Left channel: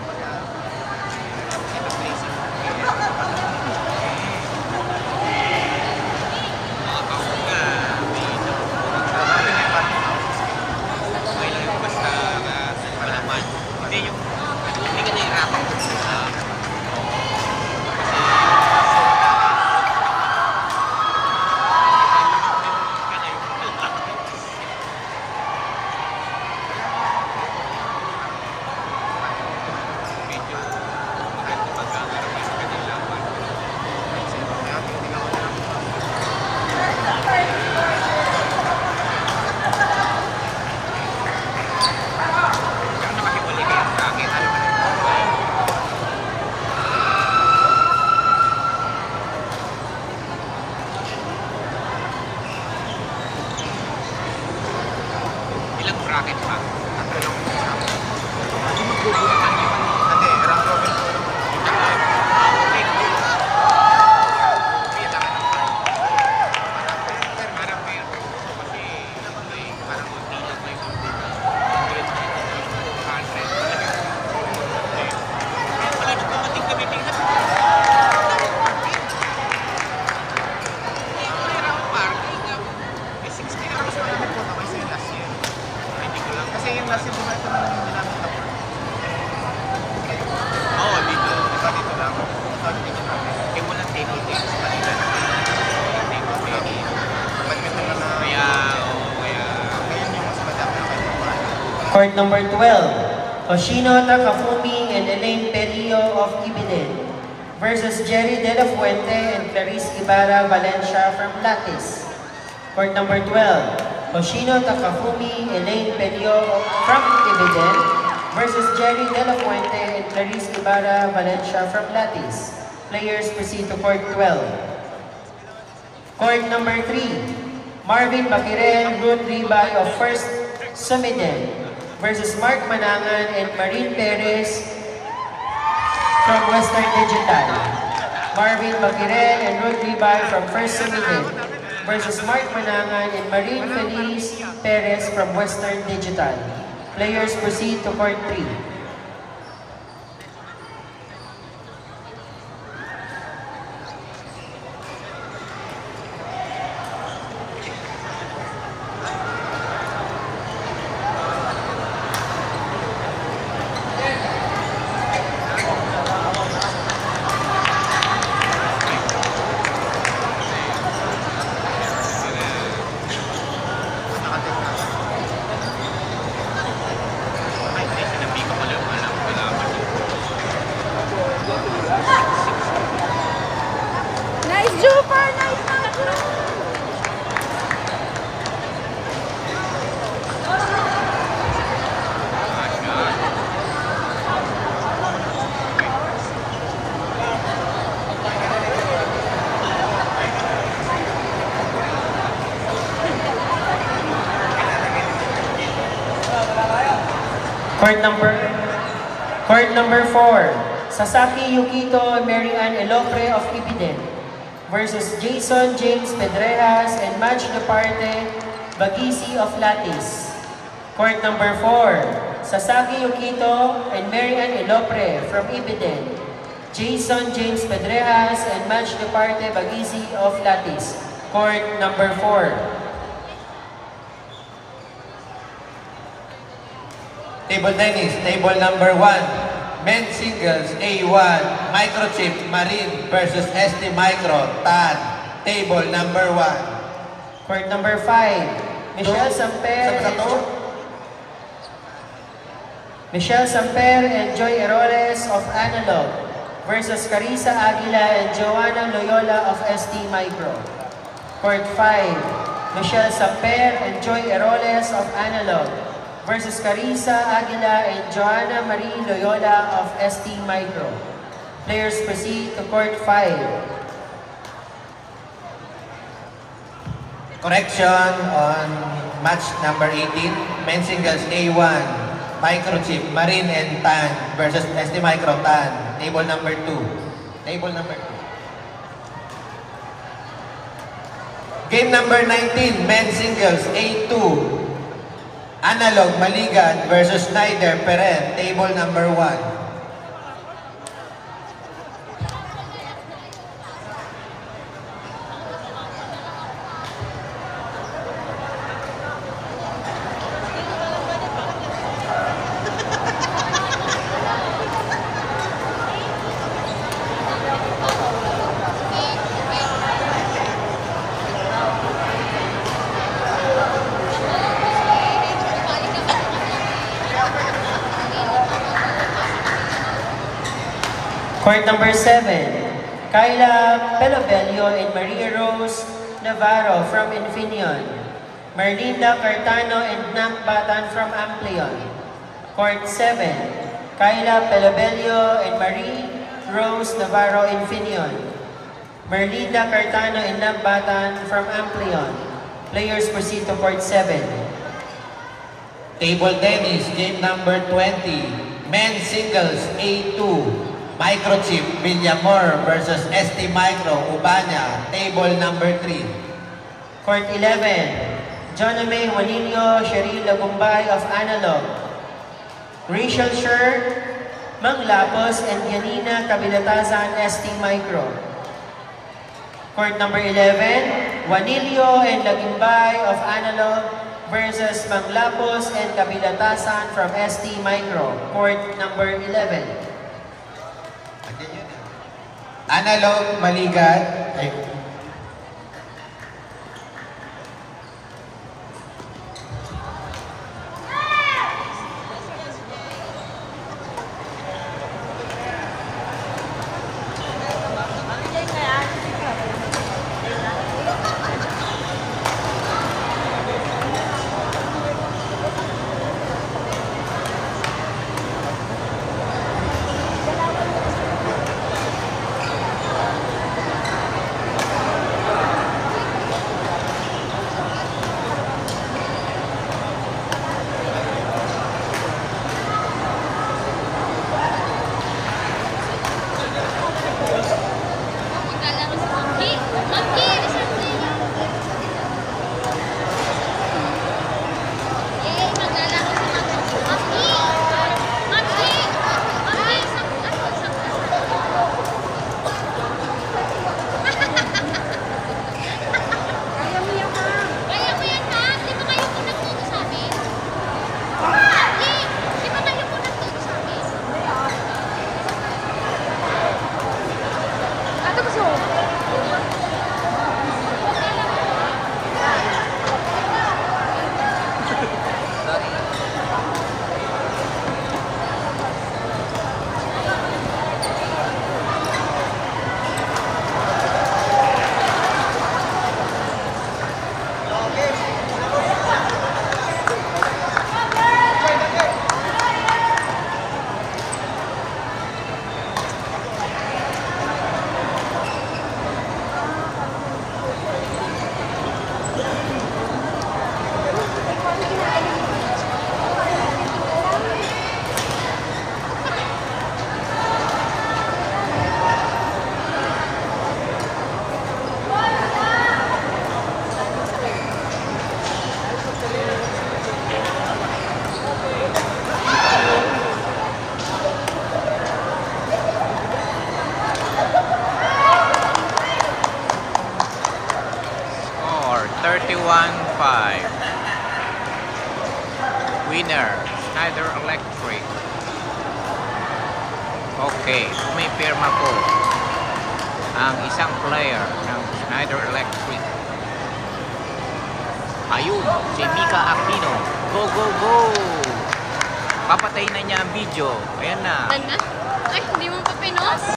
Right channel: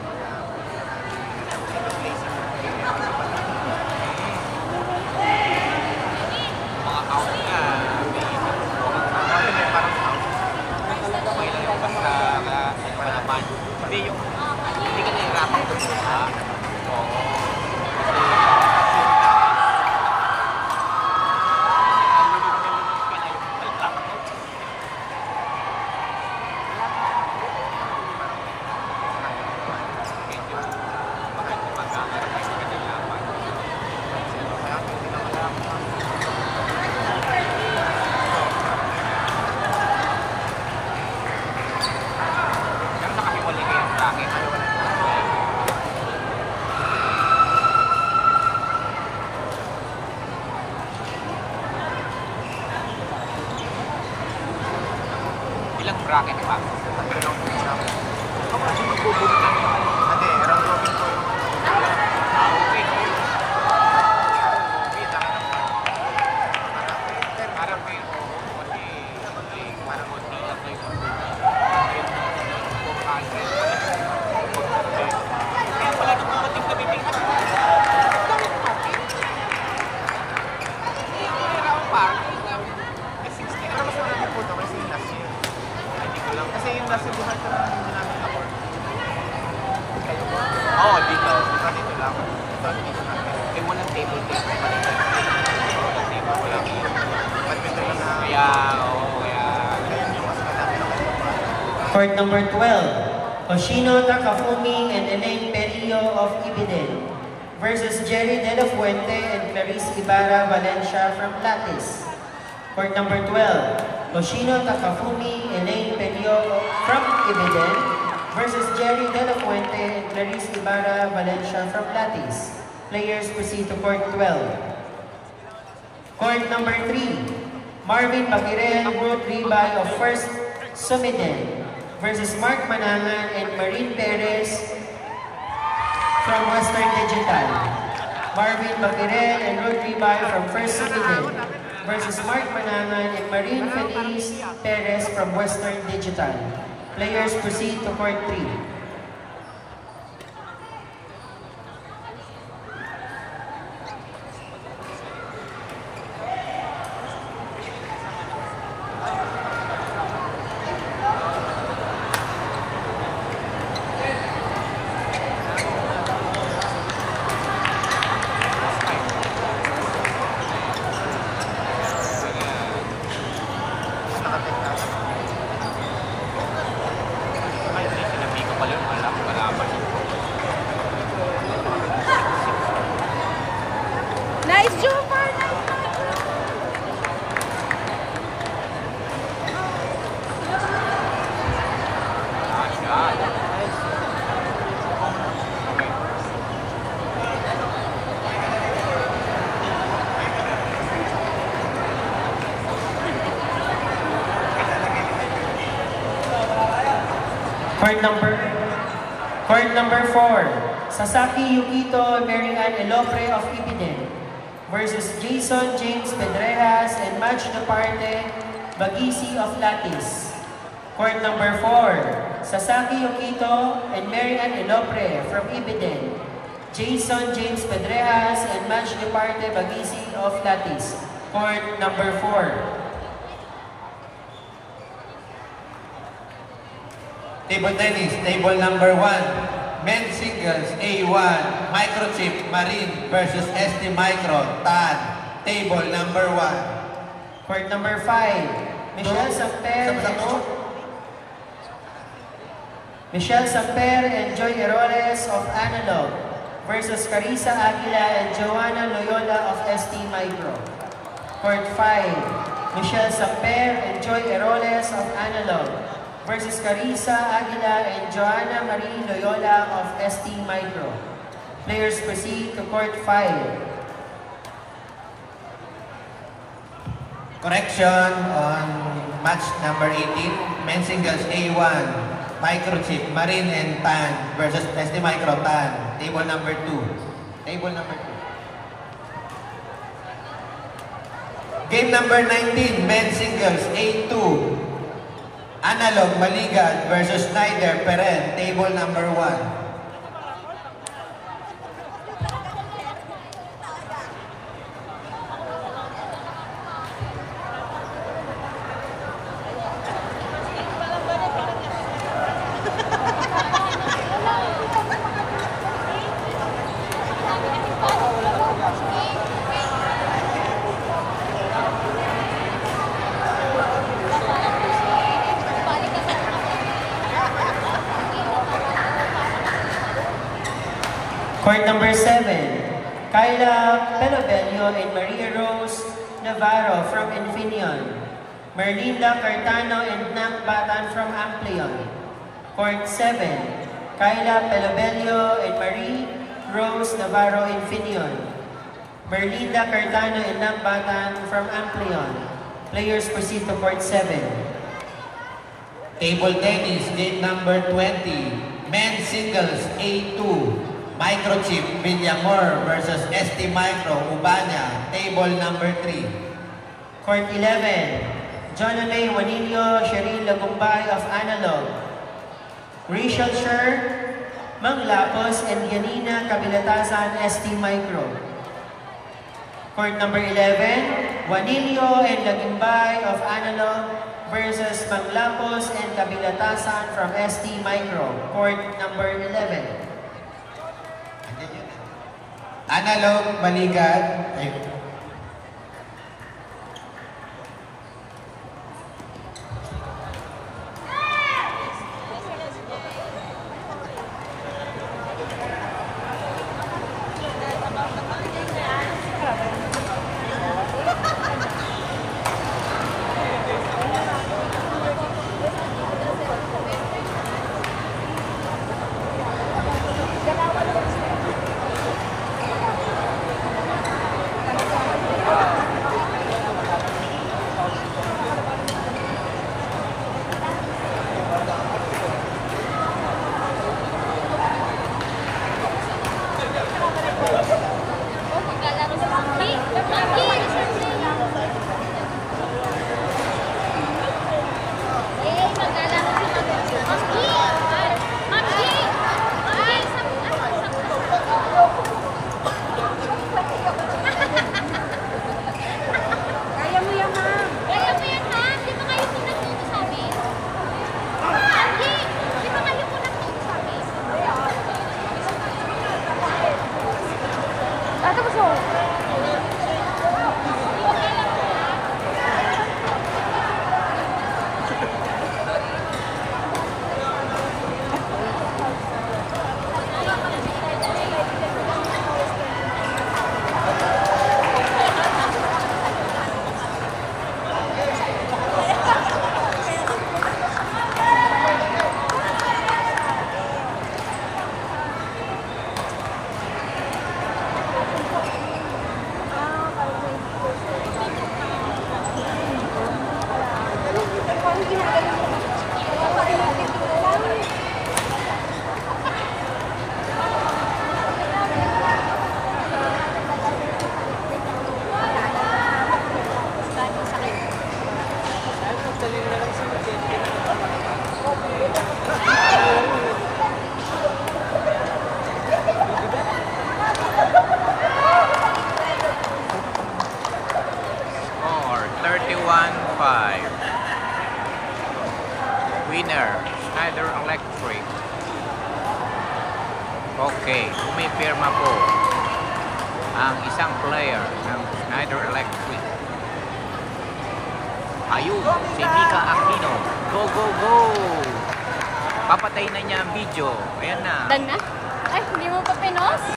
mahirap tapos yung placing mo mahirap mga counter ka ako din parang houses okay lang yung basta malaman hindi ka nahihirapan kung saan bracket pa. Tatlo lang po sa akin. Kung magbubunutan naman. Ate, round robin po yung ano. Kailangan ng 5. Para per parang kayo. Parang mag-play ko dito. Wala na pumating kami din. Pero mas marami po ito kaysa yung last year. Kasi yung last year, di ba ito na lang yung ginamit na board? Kayo po? Oo, dito. Di ba dito lang? Ito, hindi dito namin. Yung walang table tennis pa dito. Di ba wala po? Badminton lang na... Kaya, oo, kaya... Ngayon yung mas madami na kayo pa. Court number 12. Hoshino Takafumi and Elaine Perillo of Ibiden versus Jerry De La Fuente and Clarice Ibarra Valencia from Latis. Court number 12. Hoshino Takafumi, Elaine Perillo from Ibiden versus Jerry De La Fuente and Clarice Ibarra Valencia from Latis. Players proceed to Court 12. Court number 3. Marvin Paquire and Ruth Ribay of First Sumiden versus Mark Manangan and Marine Perez from Western Digital. Marvin Paquire and Ruth Ribay from First Sumiden versus Mark Manangan and Marine Feliz Perez from Western Digital. Players proceed to Court 3. Nice jumper! Court number 4. Sasaki Yukito Marian Elopre of Ibiden versus Jason James Pedreras and Match Departe Bagisi of Latis. Court number 4. Sasaki Yukito and Marian Elopre from Ibiden. Jason James Pedreras and Match Departe Bagisi of Latis. Court number 4. Table tennis, table number 1. Men's singles, A1, Microchip, Marine versus ST Micro, TAN. Table number 1. Court number 5. Michelle Samper and Joy Eroles of Analog versus Carissa Aguila and Joanna Loyola of ST Micro. Court 5. Michelle Samper and Joy Eroles of Analog versus Carissa Aguila and Joanna Marie Loyola of ST Micro. Players proceed to Court 5. Correction on match number 18. Men's singles A1, Microchip, Marine and TAN versus ST Micro TAN. Table number 2. Table number 2. Game number 19. Men's singles A2. Analog Maligan versus Snyder Peren, table number 1. Court number 7, Kyla Pelabello and Maria Rose Navarro from Infineon. Merlinda Cartano and Nak Batan from Amplion. Court 7, Kyla Pelabello and Marie Rose Navarro Infineon. Merlinda Cartano and Nak Batan from Amplion. Players proceed to Court 7. Table tennis, game number 20. Men's singles, A2. Microchip Villamor versus ST Micro Ubanya. Table number 3. Court 11, Jonna May Juanillo, Cheryl Lagumbay of Analog. Rachel Sher, Manglapos, and Yanina Kabilatasan, ST Micro. Court number 11, Juanillo and Lagumbay of Analog versus Manglapos and Kabilatasan from ST Micro. Court number 11. Analog Maligat. Score 31-5. Winner, Schneider Electric. Okay, pumipirma po ang isang player ng Schneider Electric. Ayun, si Mika Aquino. Go, go, go! Papatay na niya ang video. Ayan na. Ay, hindi mo pa pinos?